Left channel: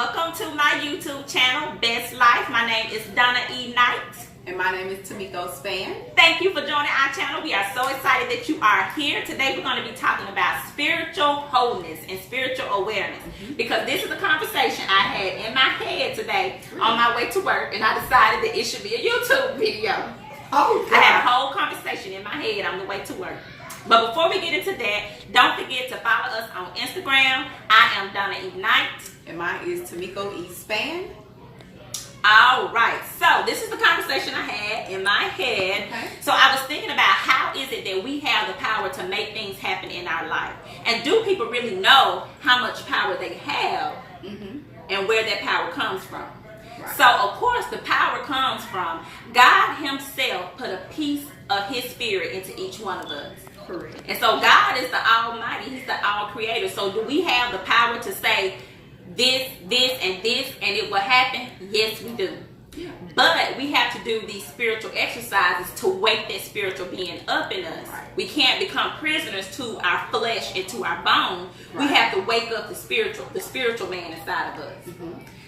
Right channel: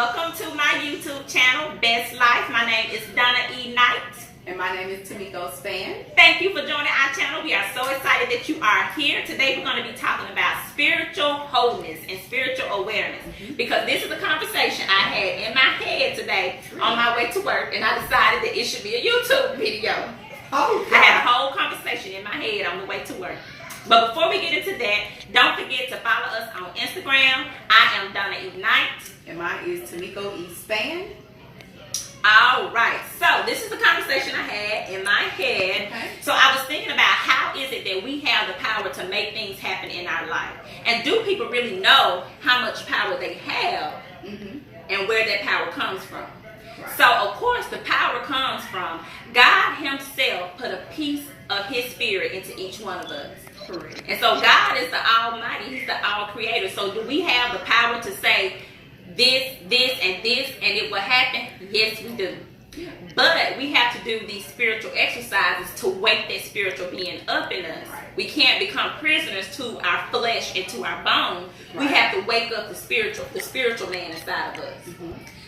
welcome to my YouTube channel, Best Life. My name is Donna E. Knight. And my name is Tamiko Span. Thank you for joining our channel. We are so excited that you are here. Today we're going to be talking about spiritual wholeness and spiritual awareness. Because this is a conversation I had in my head today on my way to work, and I decided that it should be a YouTube video. Oh, I had a whole conversation in my head on the way to work. But before we get into that, don't forget to follow us on Instagram. I am Donna E. Knight. And mine is Tamiko E. Span. All right, so this is the conversation I had in my head. Okay. So I was thinking about how is it that we have the power to make things happen in our life? And do people really know how much power they have and where that power comes from? Right. So, of course, the power comes from God himself put a piece of his spirit into each one of us. Correct. And so God is the Almighty. He's the All-Creator. So do we have the power to say this, and it will happen? Yes, we do. Yeah. But we have to do these spiritual exercises to wake that spiritual being up in us. Right. We can't become prisoners to our flesh and to our bone. Right. We have to wake up the spiritual man inside of us.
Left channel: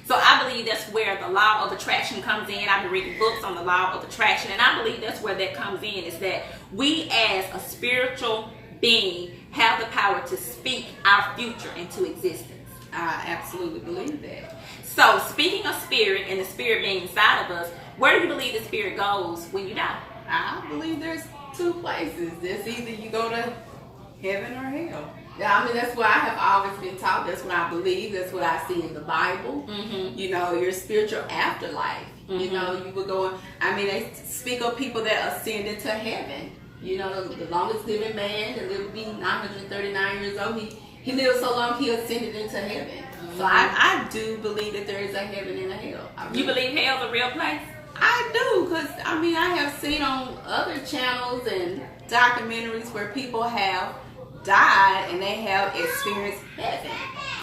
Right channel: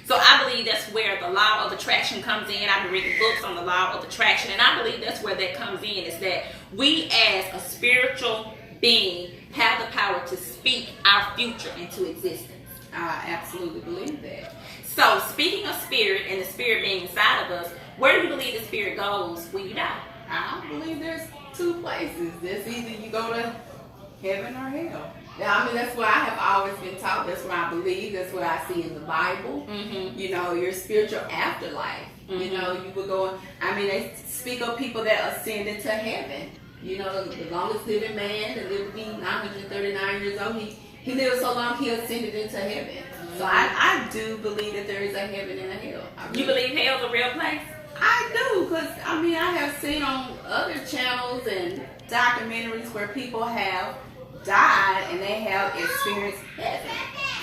So I believe that's where the law of attraction comes in. I've been reading books on the law of attraction, and I believe that's where that comes in, is that we as a spiritual being have the power to speak our future into existence. I absolutely believe that. So speaking of spirit and the spirit being inside of us, where do you believe the spirit goes when you die? I believe there's two places. There's either you go to heaven or hell. Yeah, I mean, that's what I have always been taught. That's what I believe. That's what I see in the Bible. You know, your spiritual afterlife. You know, you would go, I mean, they speak of people that ascended to heaven. You know, the longest living man that lived to be 939 years old, he lived so long he ascended into heaven. So I do believe that there is a heaven and a hell. You believe hell's a real place? I do, because I mean, I have seen on other channels and documentaries where people have died and they have experienced heaven.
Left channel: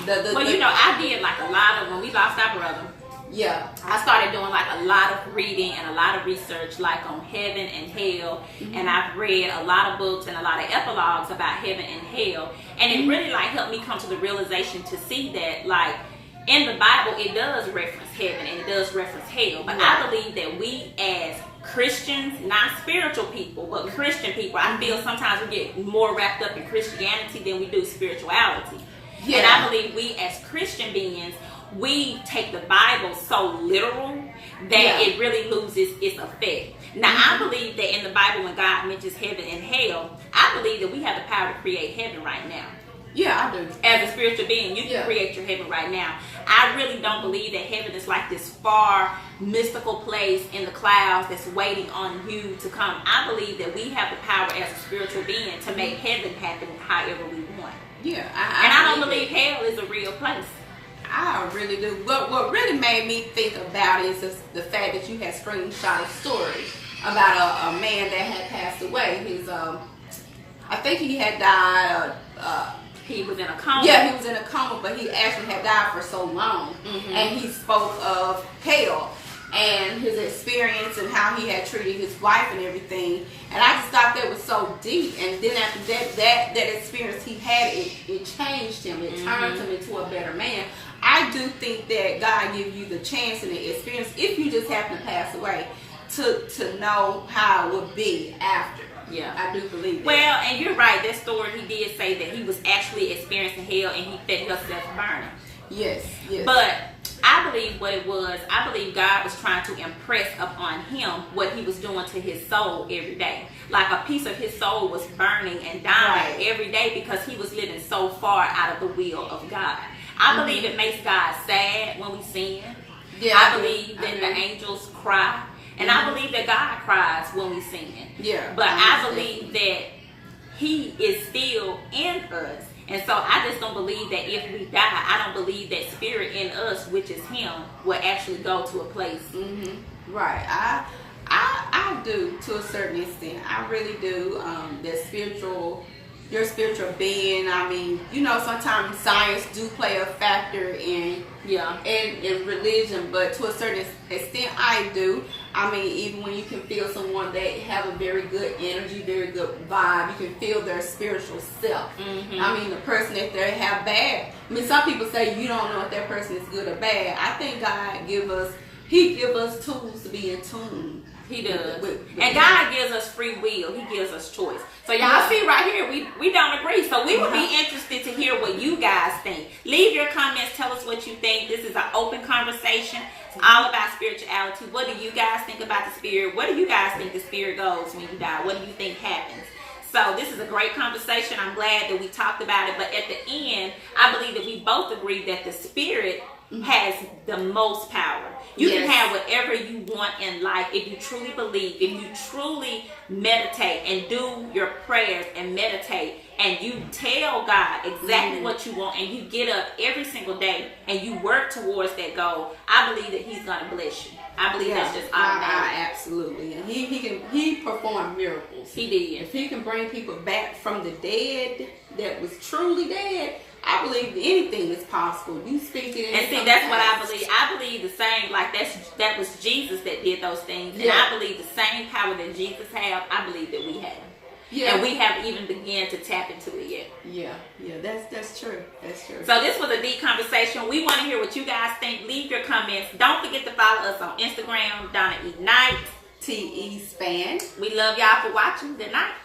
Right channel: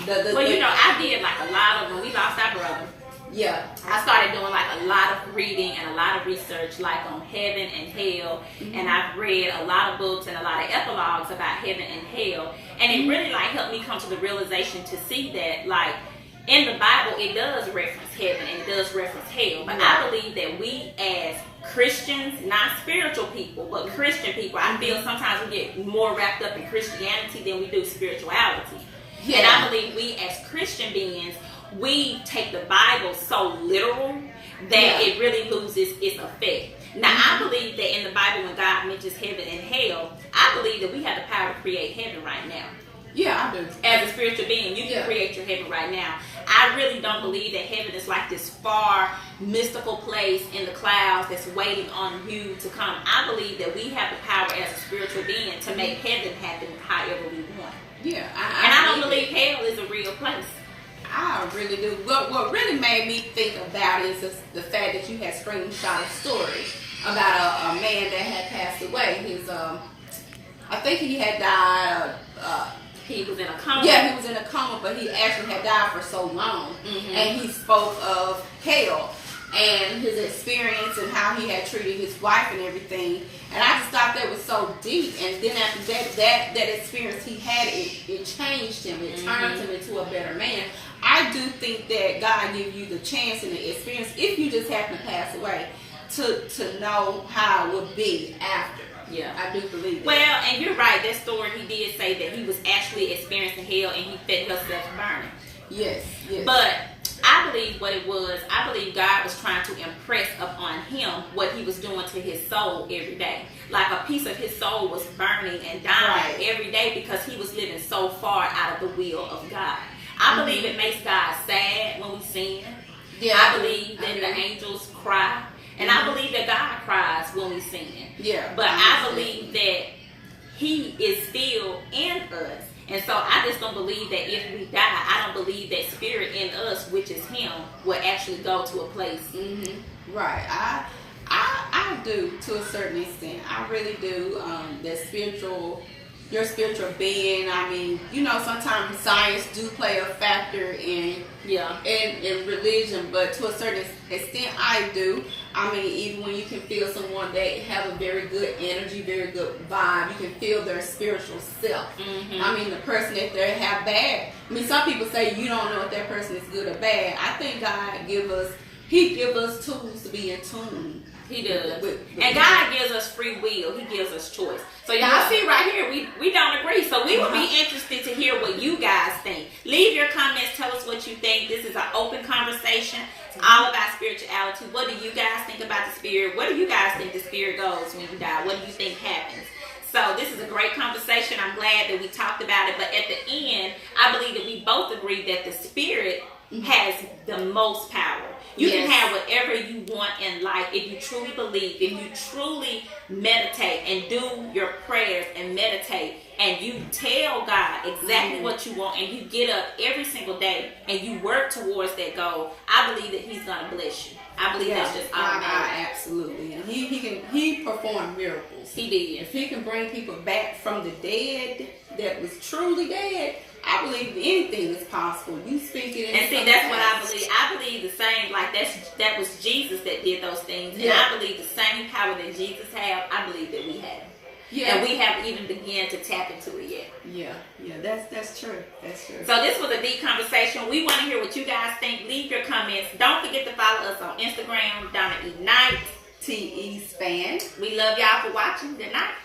You know, I did like a lot of, when we lost our brother, Yeah. I started doing like a lot of reading and a lot of research like on heaven and hell, and I've read a lot of books and a lot of epilogues about heaven and hell, and it really like helped me come to the realization to see that like in the Bible it does reference heaven and it does reference hell, but I believe that we as Christians, not spiritual people, but Christian people, I feel sometimes we get more wrapped up in Christianity than we do spirituality. And I believe we as Christian beings, we take the Bible so literal that it really loses its effect. Now, I believe that in the Bible, when God mentions heaven and hell, I believe that we have the power to create heaven right now. Yeah, I do. As a spiritual being, you can create your heaven right now. I really don't believe that heaven is like this far mystical place in the clouds that's waiting on you to come. I believe that we have the power as a spiritual being to make heaven happen however we want. Yeah, I don't believe hell is a real place. I really do. What really made me think about it is the fact that you had screenshot a story about a man that had passed away. His, I think he had died. He was in a coma. Yeah, he was in a coma, but he actually had died for so long. And he spoke of hell and his experience and how he had treated his wife and everything. And I just thought that was so deep. And then after that experience he had, it changed him. It turned him into a better man. I do think that God gives you the chance and the experience, if you just happen to pass away, to know how it would be after. Yeah, I do believe that. Well, and you're right. That story, he did say that he was actually experiencing hell and he felt himself burning. Yes. But I believe what it was, I believe God was trying to impress upon him what he was doing to his soul every day. Like a piece of his soul was burning and dying every day because he was living so far out of the will of God. I believe it makes God sad when we sin. Yeah, I believe that the angels cry. And I believe that God cries when we sin. Yeah. But I believe that he is still in us. And so I just don't believe that if we die, I don't believe that spirit in us, which is him, will actually go to a place. Right. I do to a certain extent. I really do. That spiritual your spiritual being. I mean, you know, sometimes science do play a factor in religion, but to a certain extent, I do. I mean, even when you can feel someone that have a very good energy, very good vibe, you can feel their spiritual self. I mean, the person that they have bad. I mean, some people say you don't know if that person is good or bad. I think God give us tools to be in tune. He does. And God gives us free will. He gives us choice. So y'all see right here, we don't agree. So we will be interested to hear what you guys think. Leave your comments. Tell us what you think. This is an open conversation. It's all about spirituality. What do you guys think about the spirit? Where do you guys think the spirit goes when you die? What do you think happens? So this is a great conversation. I'm glad that we talked about it. But at the end, I believe that we both agree that the spirit has the most power. You can have whatever you want in life if you truly believe, if you truly meditate and do your prayers and meditate and you tell God exactly what you want and you get up every single day and you work towards that goal. I believe that He's going to bless you. I believe that's just automatic. Absolutely. And he performed miracles. He did. If He can bring people back from the dead that was truly dead, I believe anything is possible. You speak it in. And see, that's what I believe. I believe the same. Like that was Jesus that did those things, and I believe the same power that Jesus have. I believe that we have. Yeah. And we haven't even begun to tap into it yet. Yeah, that's true. That's true. So this was a deep conversation. We want to hear what you guys think. Leave your comments. Don't forget to follow us on Instagram, Donna Ignite, TE Span. We love y'all for watching. Good night.